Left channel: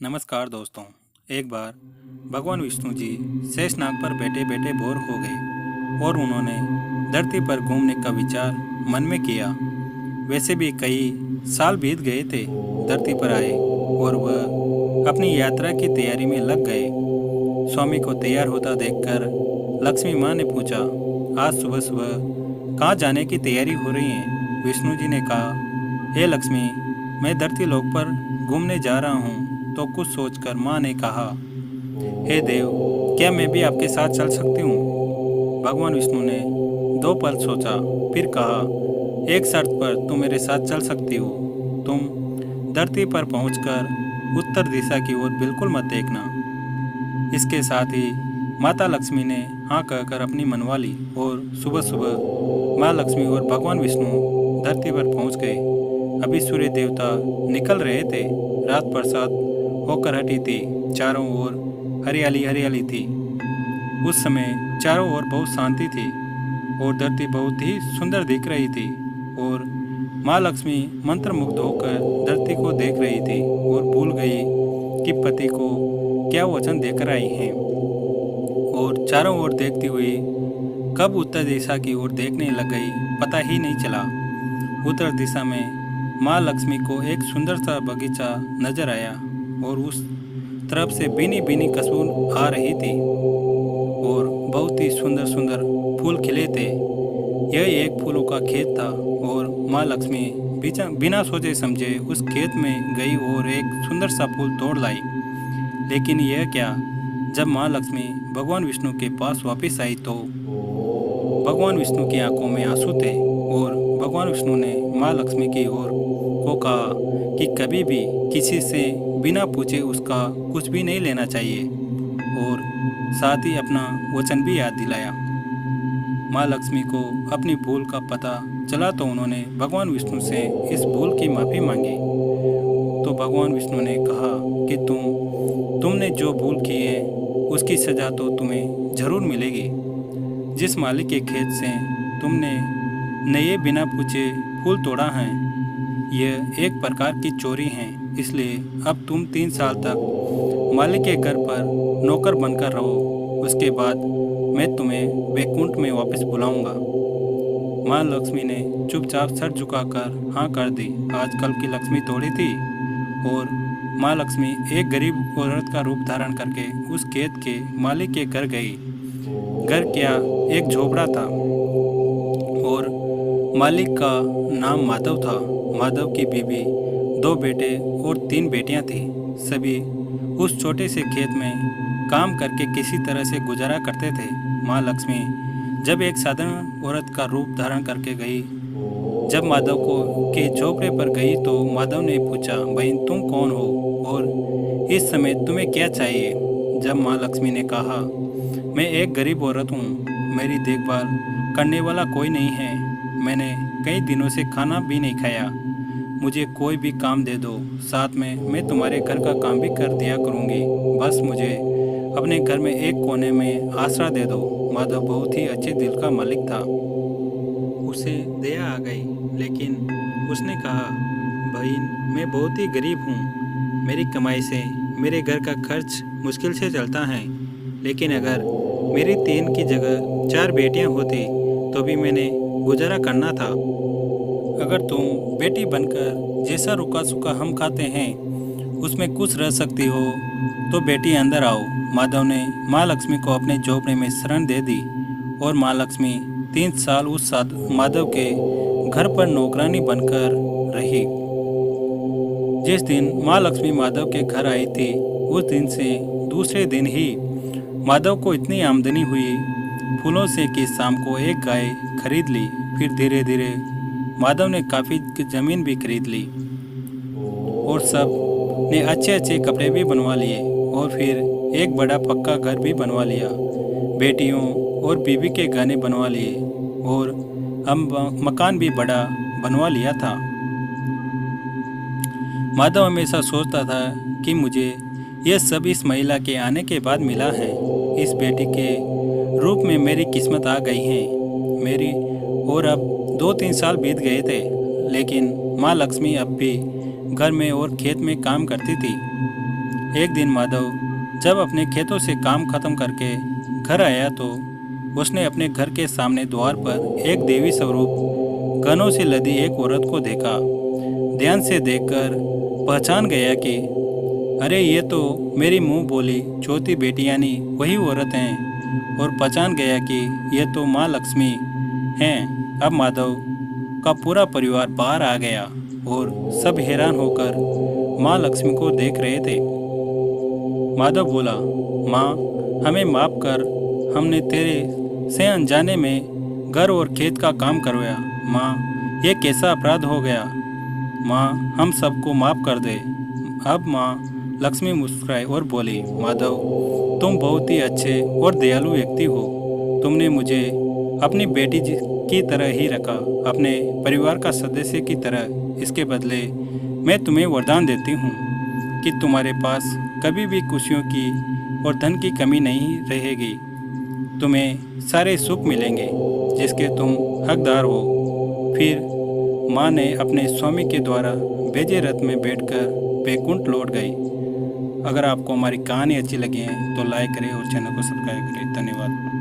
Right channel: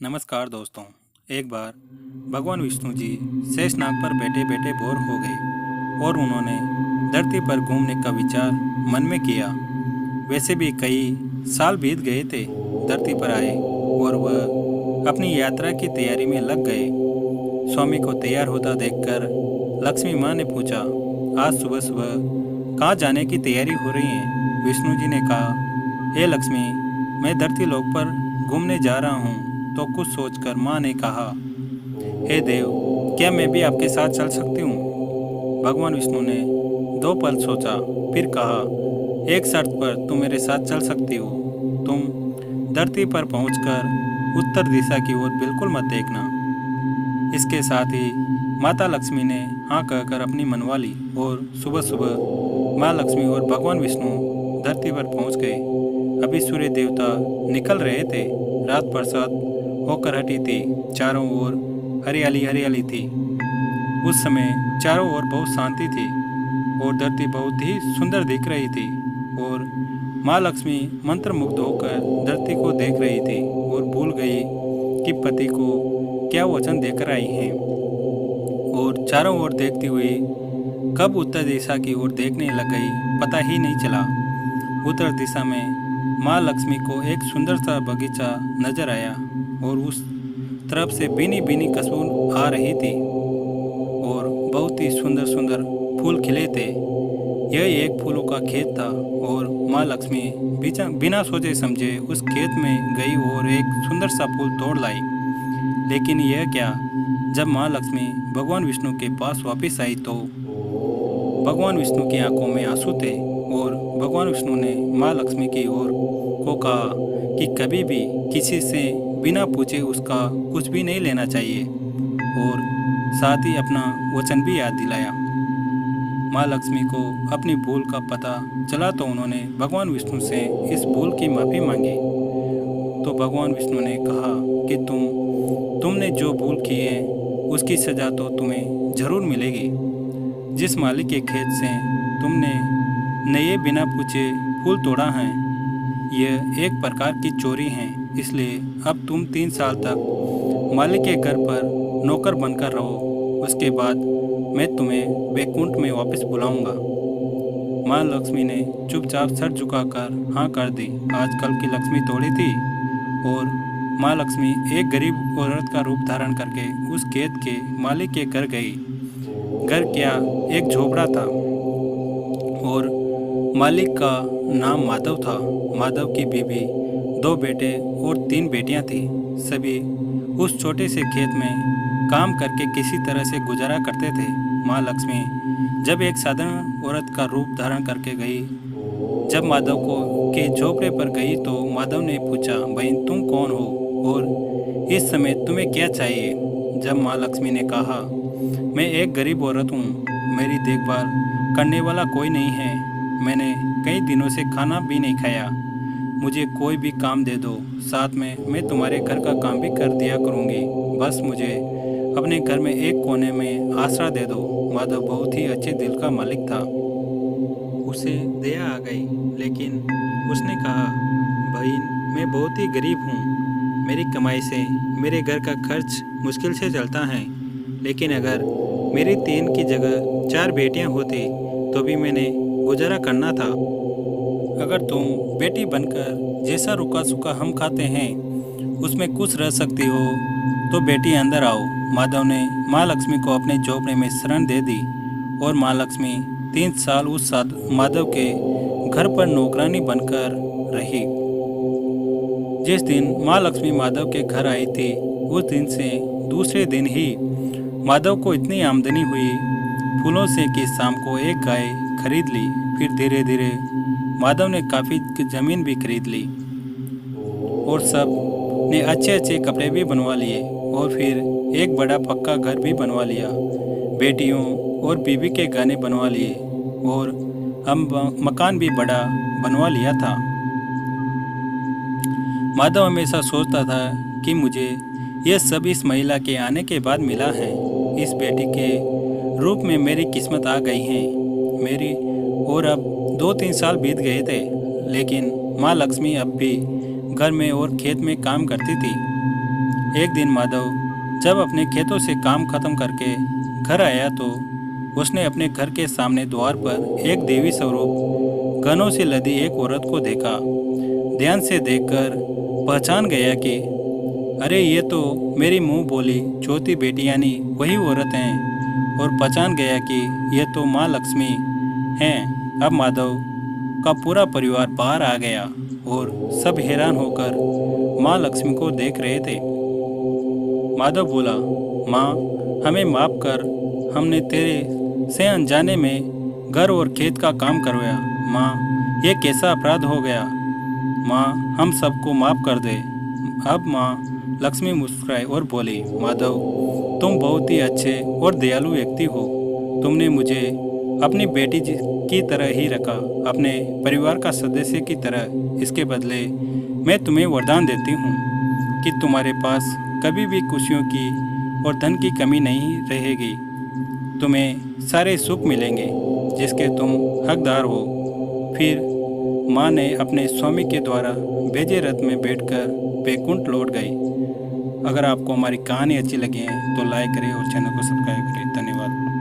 नमस्कार दोस्तों। एक बार भगवान विष्णु जी शेषनाग पर बैठे बैठे बोर हो गए और उन्होंने धरती पर घूमने का विचार मन में किया। वैसे भी कई साल बीत गए थे धरती पर आए और वह अपनी यात्रा की तैयारी में लग गए। स्वामी को तैयार होता देखकर लक्ष्मी माँ ने पूछा, आज सुबह सुबह कहाँ जाने की तैयारी हो रही है? विष्णु जी ने कहा, हे लक्ष्मी, मैं धरती लोक पर घूमने जा रहा हूँ। तो कुछ सोचकर माँ ने कहा, हे देव, क्या मैं भी आपके साथ चल सकती हूँ? भगवान विष्णु ने 2 पल सोचा, फिर कहा, एक शर्त पर तुम मेरे साथ चल सकती हो। तुम धरती पर पहुंचकर उत्तर दिशा की ओर बिल्कुल मत देखना। इसके साथ ही माता लक्ष्मी ने हाँ कहकर अपनी मनवा ली और सुबह सुबह माँ लक्ष्मी और भगवान विष्णु धरती पर पहुंच गए। अभी सूर्य देवता निकल रहे थे। रात बरसात होकर हटी थी। चारों ओर हरियाली हरियाली थी। उस समय चारों ओर बहुत शांति थी और धरती बहुत ही सुंदर दिख रही थी। और माँ लक्ष्मी मंत्रमुग्ध होकर धरती को देख रही थी और भूल गई कि पति को क्या वचन देकर आई हैं। और चारों ओर देखती हुई कब उत्तर दिशा की ओर देखने लग गई, पता ही नहीं चला। उत्तर दिशा में माँ लक्ष्मी को एक सुंदर सा बगीचा नजर आया और उस तरफ से भीनी भीनी खुशबू आ रही थी और बहुत ही सुंदर सुंदर फूल खिले थे। यह एक फूलों का खेत था और माँ लक्ष्मी बिना सोचे समझे उस खेत में गई और एक सुंदर सा फूल तोड़ लाई। लेकिन यह क्या, जब माँ लक्ष्मी भगवान विष्णु के पास वापस आई तो भगवान विष्णु की आंखों में आंसू थे और भगवान विष्णु ने माँ लक्ष्मी की ओर को कहा कि कभी भी किसी से बिना पूछे उसका कुछ भी नहीं लेना चाहिए और साथ ही अपना वचन भी याद दिलाया। माँ लक्ष्मी को अपनी भूल का पता चला तो उन्होंने भगवान विष्णु से इस भूल की माफ़ी मांगी। तो भगवान विष्णु ने कहा कि तुमने जो भूल की है उसकी सज़ा तो तुम्हें ज़रूर मिलेगी। जिस मालिक के खेत से तुमने नए बिना पूछे फूल तोड़ा है, यह एक प्रकार की चोरी है। इसलिए अब तुम 3 साल तक मालिक के घर पर नौकर बनकर रहो। उसके बाद मैं तुम्हें वैकुंठ में वापस बुलाऊंगा। माँ लक्ष्मी ने चुपचाप सर झुकाकर हाँ कर दी। आजकल की लक्ष्मी थोड़ी थी और माँ लक्ष्मी एक गरीब औरत का रूप धारण करके उस खेत के मालिक के घर गई। घर क्या, एक झोपड़ा था और मालिक का नाम माधव था। माधव की बीवी, 2 बेटे और 3 बेटियां थी। सभी उस छोटे से खेत में काम करके किसी तरह से गुजारा करते थे। माँ लक्ष्मी जब एक साधारण औरत का रूप धारण करके गई, जब माधव को के झोपड़े पर गई तो माधव ने पूछा, बहन तुम कौन हो और इस समय तुम्हें क्या चाहिए? जब माँ लक्ष्मी ने कहा, मैं एक गरीब औरत हूँ, मेरी देखभाल करने वाला कोई नहीं है, मैंने कई दिनों से खाना भी नहीं खाया, मुझे कोई भी काम दे दो, साथ में मैं तुम्हारे घर का काम भी कर दिया करूँगी, बस मुझे अपने घर में एक कोने में आसरा दे दो। माधव बहुत ही अच्छे दिल का मालिक था। उसे दया आ गई, लेकिन उसने कहा, बहन मैं बहुत ही गरीब हूँ, मेरी कमाई से मेरे घर का खर्च मुश्किल से चलता है, लेकिन अगर मेरी 3 की जगह 4 बेटियाँ होती तो भी मैंने गुजारा करना था। अगर तुम बेटी बनकर जैसा रुका सूखा हम खाते हैं उसमें खुश रह सकती हो तो बेटी अंदर आओ। माधव ने माँ लक्ष्मी को अपने झोपड़े में शरण दे दी और माँ लक्ष्मी 3 साल उस माधव के घर पर नौकरानी बनकर रही। जिस दिन माँ लक्ष्मी माधव के घर आई थी, उस दिन से दूसरे दिन ही माधव को इतनी आमदनी हुई फूलों से कि शाम को एक गाय खरीद ली। फिर धीरे धीरे माधव ने काफ़ी ज़मीन भी खरीद ली और सब ने अच्छे अच्छे कपड़े भी बनवा लिए और फिर एक बड़ा पक्का घर भी बनवा लिया। बेटियों और बीवी के गहने बनवा लिए और अब मकान भी बड़ा बनवा लिया था। माधव हमेशा सोचता था कि मुझे यह सब इस महिला के आने के बाद मिला है। इस बेटी के रूप में मेरी किस्मत आ गई है मेरी। और अब 2-3 साल बीत गए थे, लेकिन माँ लक्ष्मी अब भी घर में और खेत में काम करती थी। एक दिन माधव जब अपने खेतों से काम खत्म करके घर आया तो उसने अपने घर के सामने द्वार पर एक देवी स्वरूप गनों से लदी एक औरत को देखा। ध्यान से देखकर पहचान गया कि अरे ये तो मेरी मुंह बोली चौथी बेटी यानी वही औरत हैं, और पहचान गया कि ये तो माँ लक्ष्मी हैं। अब माधव का पूरा परिवार बाहर आ गया और सब हैरान होकर माँ लक्ष्मी को देख रहे थे। माधव बोला, माँ हमें माफ कर, हमने तेरे से अनजाने में घर और खेत का काम करवाया। माँ ये कैसा अपराध हो गया, माँ हम सबको माफ कर दे। अब माँ लक्ष्मी मुस्कुराई और बोली, माधव तुम बहुत ही अच्छे और दयालु व्यक्ति हो। तुमने मुझे अपनी बेटी की तरह ही रखा, अपने परिवार का सदस्य की तरह। इसके बदले मैं तुम्हें वरदान देती हूँ कि तुम्हारे पास कभी भी खुशियों की और धन की कमी नहीं रहेगी। तुम्हें सारे सुख मिलेंगे जिसके तुम हकदार हो। फिर माँ ने अपने स्वामी के द्वारा भेजे रथ में बैठकर बैकुंठ लौट गई। अगर आपको हमारी कहानी अच्छी लगी है तो लाइक करें और चैनल को सब्सक्राइब करें। धन्यवाद।